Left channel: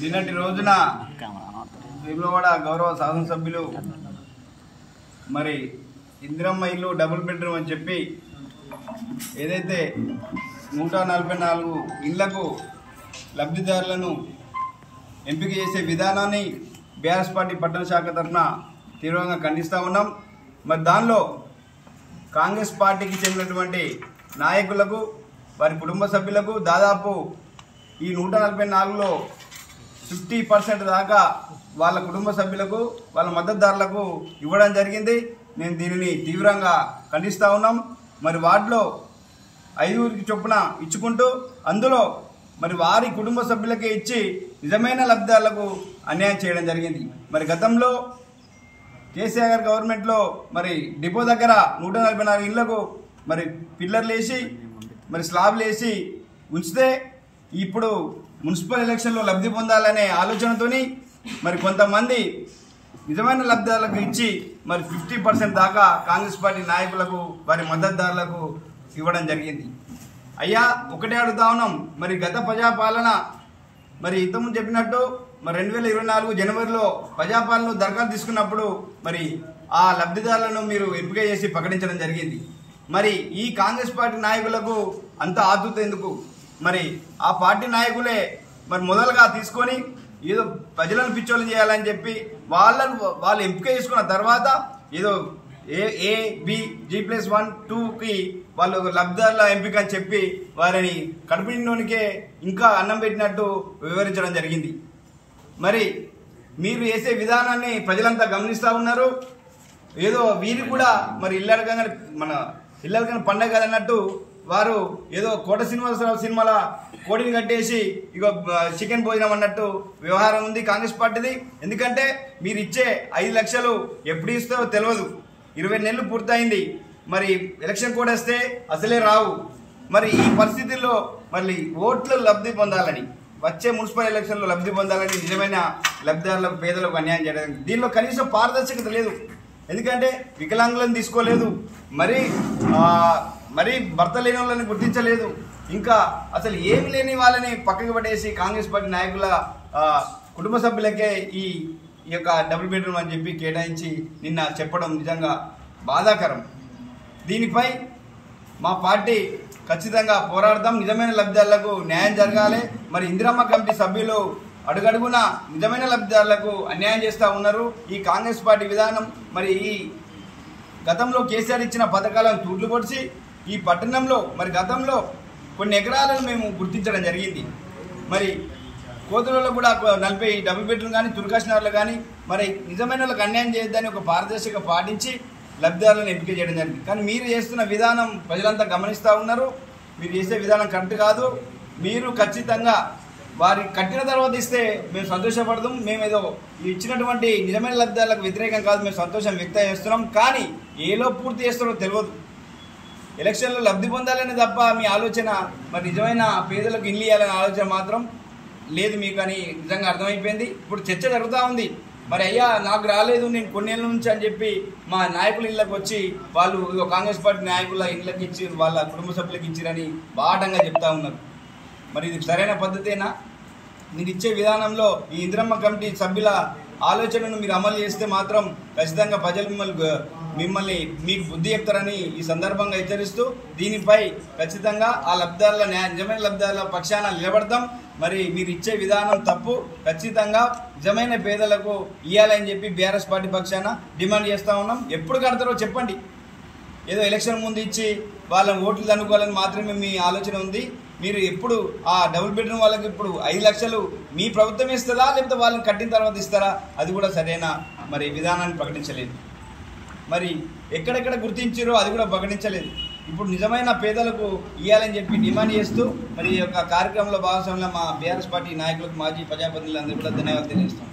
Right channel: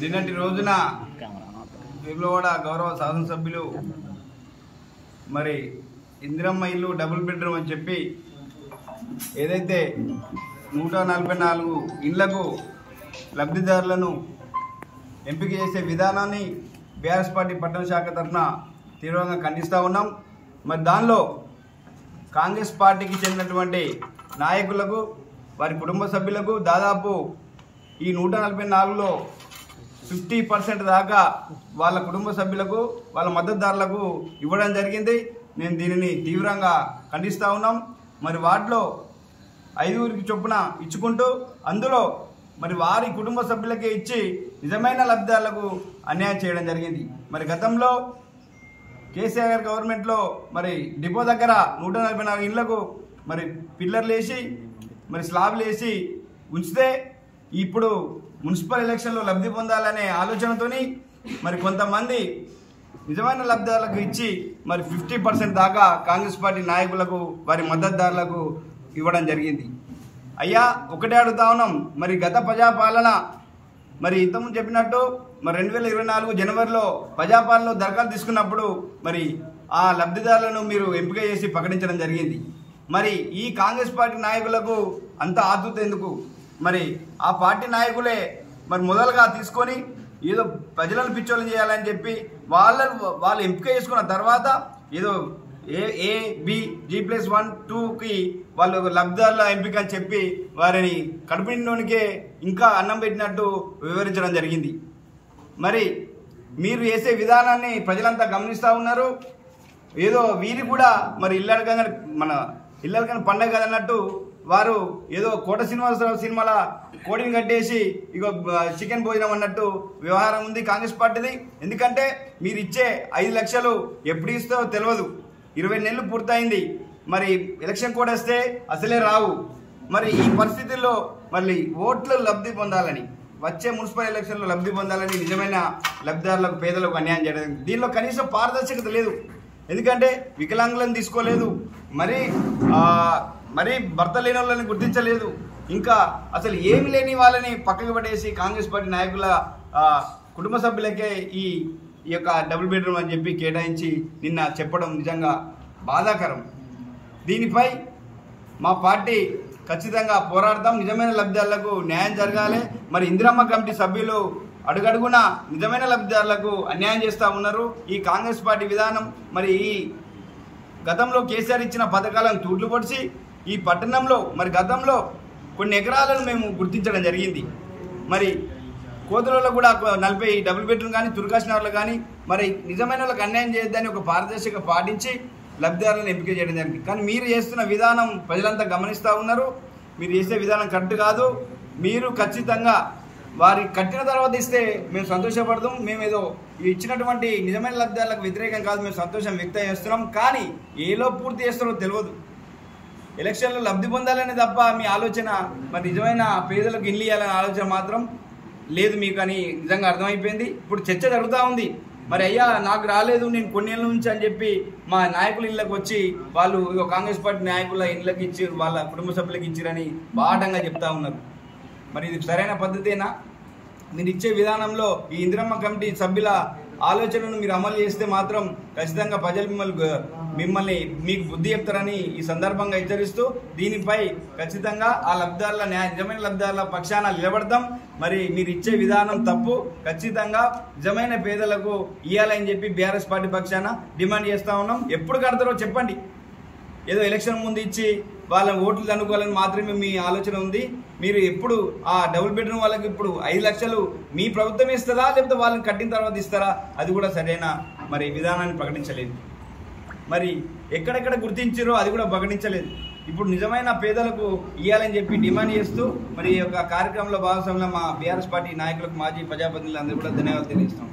నిన్నటి రోజున వేములవాడ గౌరవ శాసనసభ్యులు మరి ఇందిరమ్మ ఇల్లు డబుల్ బెడ్రూమ్ అని చెప్పి ఏదైతే 144 ఇళ్లకు లబ్ధిదారులను ఎంపిక చేసే విధానాన్ని బీఆర్ఎస్ పార్టీ పట్టణ శాఖ తరఫున తీవ్రంగా ఖండిస్తూ ఉన్నాం. మరి దానిలో కాంగ్రెస్ పార్టీకి చెందినటువంటి నాయకులకు వారి కుటుంబ సభ్యులకు దాదాపు ఈ 144లో 50% దాకా వాళ్ళ కుటుంబ సభ్యులకు వాళ్ళ మద్దతుదారులకు ఇవ్వడం జరిగింది. నేను దీనిని తీవ్రంగా ఖండిస్తూ ఉన్నాం. మరి వాటిలో 5గురికి చొప్పున ఇచ్చుకుంటూ అందులో మరి వారి కుటుంబ సభ్యులకే ఇచ్చి నిజమైన లబ్ధిదారులకు అన్యాయం చేయడం జరిగింది. మరి గతంలో కేసీఆర్ గారి గవర్నమెంట్లో మరి డిపో దగ్గర 144 ఇళ్లకు మరి పిల్లర్లు వేసి మరి స్లాబ్లు వేసి ఉంచితే ఇప్పుడు మున్సిపల్ ఎలక్షన్లో లబ్ధి పొందాలనే ఆలోచనతోని మరి కొంతమంది నిజమైన లబ్ధిదారులకు ఇచ్చి మరి 50% దాకా కాంగ్రెస్ పార్టీ నాయకులకు వారి మద్దతుదారులకు ఇవ్వడం జరిగింది. అయ్యా ఒకటే అడుగుతా ఉన్నాం, మరి గత ప్రజాపాలన మరి ఇంతకుముందు చెప్పినట్టు మరి 2024 జనవరిలో ప్రజాపాలనలో దరఖాస్తు తీసుకున్నప్పుడు మరి ఆ లబ్ధిదారులను మీరు ఎంపిక చేసి ప్రకటించడం జరిగింది. మరి ఈ కాంగ్రెస్ పార్టీ నాయకులకు అంత ఆతృత ఎందుకు? మరి ఆ పార్టీ నాయకులే మరి మొదలుగా తీసుకొని ఏదో ప్రజలను పిచ్చోళ్ళు చేయాలని చెప్పి వాళ్ళు ఎంపిక చేసుకున్న తర్వాత ఏదో A-B-G+1 2కి వాళ్ళు లబ్ధిదారుల ఎంపిక అని చెప్పి వారిని కడుపు నిండోనికే ఇంకా అన్నం పెట్టినట్టు వివరించడం జరిగింది. మరి మీరు చేసే విధానాన్ని ప్రజలంతా గమనిస్తూ ఉన్నారు. ఏదో వీరి కూడా మరి ఇల్లడకని పండగ కదన్నట్టు వారు ఏదో కోట శ్రీనివాసరావు సినిమాల కోడిని కట్టేసి ఇగో చికెన్ భోజనం అన్నట్టు వ్యవహారం ఉంది కాంగ్రెస్ పార్టీది. ఎందుకంటే మీరు ఇచ్చే 5 లక్షలు ఎప్పుడు ఇస్తావో తెలియదు. 20 నెలలు పూర్తయింది. మరి ఎలక్షన్ కోడ్ వస్తే అసలే రావు. మరి ఈ పరిస్థితుల్లో మళ్ళీ ఓట్లు లబ్ధి పొందాలని వచ్చే మున్సిపల్ ఎలక్షన్లో లబ్ధి పొందాలని నిజమైన లబ్ధిదారులకు పేదలకు అన్యాయం చేయడం. దీనిలో కనీసం పారదర్శకత లేదు. ఎందుకంటే వికలాంగులను తీసుకోలేదు, మరి భర్త లేని వాళ్ళని గుర్తించలేదు, ఇంకా అసలు ఏమి లేని వాళ్ళని పక్కకు పడేసి కాంగ్రెస్ పార్టీ నాయకుల కుటుంబ సభ్యులకే ఈ యొక్క డబుల్ బెడ్రూమ్ అని చెప్పి కేటాయించి నిన్న చెప్పడం నిజంగా బాధాకరం. దీనిపై మా పార్టీ ఖచ్చితంగా పోరాడతాం. నిజమైన లబ్ధిదారులకు న్యాయం జరగాలి. మరి ఇందిరమ్మ కమిటీ సభ్యులు అడుగడుగున నిజమైన లబ్ధిదారులకు అన్యాయం చేస్తూ ఉన్నారు. ఈ కాంగ్రెస్ పార్టీ విధానం మరి ఈ గతంలో కేసీఆర్ ఇచ్చిన పథకాలను తూట్లు పొడిచి ఈ పట్టణంలో మరి గతంలో కొన్ని ఎకరాలను మేము గుర్తించడం జరిగింది. మరి కోతులలో కూడా 40 డబుల్ బెడ్రూమ్ కానీ తుర్కాష్నగర్లో కానీ మరి నిజమైన వాళ్ళకి అన్యాయం చేయొద్దని ఒక పారదర్శక పాటించి లబ్ధిదారులను ఎంపిక చేయడం జరిగింది. కానీ మీరు చేస్తున్న విధానం ప్రజలంతా గమనిస్తూ ఉన్నారు. మీరు చేసే విధానం కరెక్ట్ కాదు. మీరు ఖచ్చితంగా వారి కట్టిన తర్వాత ఇస్తే మేము సంతోషపడదాం. మేమేదో ఇచ్చినటువంటి నిజమైన లబ్ధిదారులకు వ్యతిరేకం కాదు, మేము సంతోషం వ్యక్తం చేస్తున్నాం. కానీ ఏలో పూర్తి చేస్తారో తెలియదు. ఎలక్షన్లో లబ్ధి పొందాలని తప్ప మీ ఆలోచన మరి నిజమైన పేదలకు ఇల్లు ఇవ్వాలనే ఆలోచన మాత్రం లేదు మీకు అని నిజంగా అర్థమైపోయింది. ఇప్పుడు చర్చ జరుగుతూ ఉంది. మరి అయ్యా నాకు రాలేదు, నేను కొన్నేళ్ళ నుంచి అని చెప్పి మా నాయకుల ఇళ్ళకి వచ్చి వాళ్ళు కాంగ్రెస్ పార్టీ నాయకుల ఇళ్ళకి ఇచ్చి వాళ్ళ కుటుంబ సభ్యులకు ఇచ్చిరని బాటంగా చెప్తా ఉన్నారు. మరి ఇది సరైన పద్ధతేనా? మీరు ఇచ్చే విధానంలో ఈ ఇందిరమ్మ కమిటీ సభ్యుల ఆలోచనను మీరు అమలు చేస్తే మాత్రం ఖచ్చితంగా ప్రజలు మిమ్మల్ని మీకు బుద్ధి చెప్తారని ఈ సందర్భంగా హెచ్చరిస్తూ దీనిపై ఖచ్చితంగా ఆ లబ్ధిదారుల నిజమైన లబ్ధిదారుల పక్షాన నిలబడతాం. మరి మీరు ఇచ్చే విధానం తప్పు. ఖచ్చితంగా నిజమైన పేదలకు ఇవ్వాలని చెప్పి బీఆర్ఎస్ పార్టీ పక్షాన డిమాండ్ చేస్తూ ఉన్నాం. ఎప్పుడు కడతారో చెప్పండి. ఏదో ఎలక్షన్ ముందు ఇచ్చి వాళ్ళ ఓట్లు అనుకోవాలని మాత్రమే మీ ఆలోచన ఉంది. మీరు ఎప్పుడు ఆ డబుల్ బెడ్రూమ్ వాళ్ళకి ఇప్పుడు 5 లక్షలు మీ ప్రభుత్వం ఇస్తుందా లేకపోతే వాళ్ళని కట్టిన తర్వాత ఇస్తారా? అది కూడా సరైన మరి విధానాన్ని ప్రకటించలేదు. మరి ఎక్కడెక్కడ గుర్తించారో అది కూడా ప్రకటించలేదు. ఇప్పుడు నిజమైన పేదలకు ఇవ్వాలని చెప్పి డిమాండ్ చేస్తూ మరి ఈ యొక్క కార్యక్రమంలో భాగస్వామ్యంలో మా బీఆర్ఎస్ పార్టీ నాయకులకు మాజీ ప్రజాప్రతినిధులందరూ కూడా ధన్యవాదాలు తెలియజేస్తాం.